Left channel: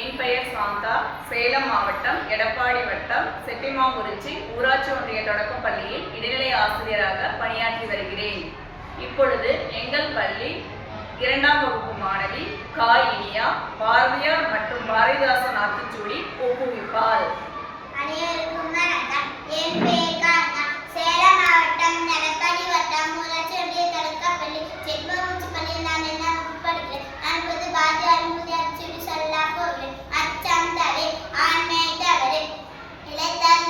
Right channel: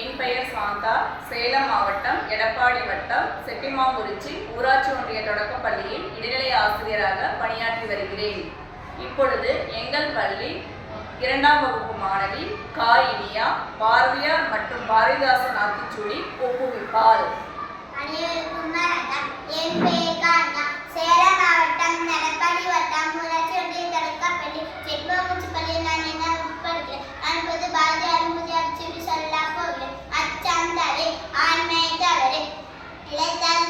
என் பெயர் சாந்தா. சேலம் மாவட்டம் எடப்பாடி வட்டம் செட்டிமாங்குறிச்சி ஊராட்சி ஒன்றிய தொடக்கப் பள்ளியில் இடைநிலை ஆசிரியராக பணியாற்றி வருகிறேன். இப்பொழுது எங்கள் பள்ளி இரண்டாம் வகுப்பு மாணவி கா இனியா பாரதியார் மற்றும் பாரதிதாசன் ஆத்திச்சூடி ஒப்புவிப்பாள். அனைவருக்கும் வணக்கம். என் பெயர் காந்தா. சேலம் மாவட்டம் எடப்பாடி வட்டம் Let that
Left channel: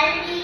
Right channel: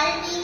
shall be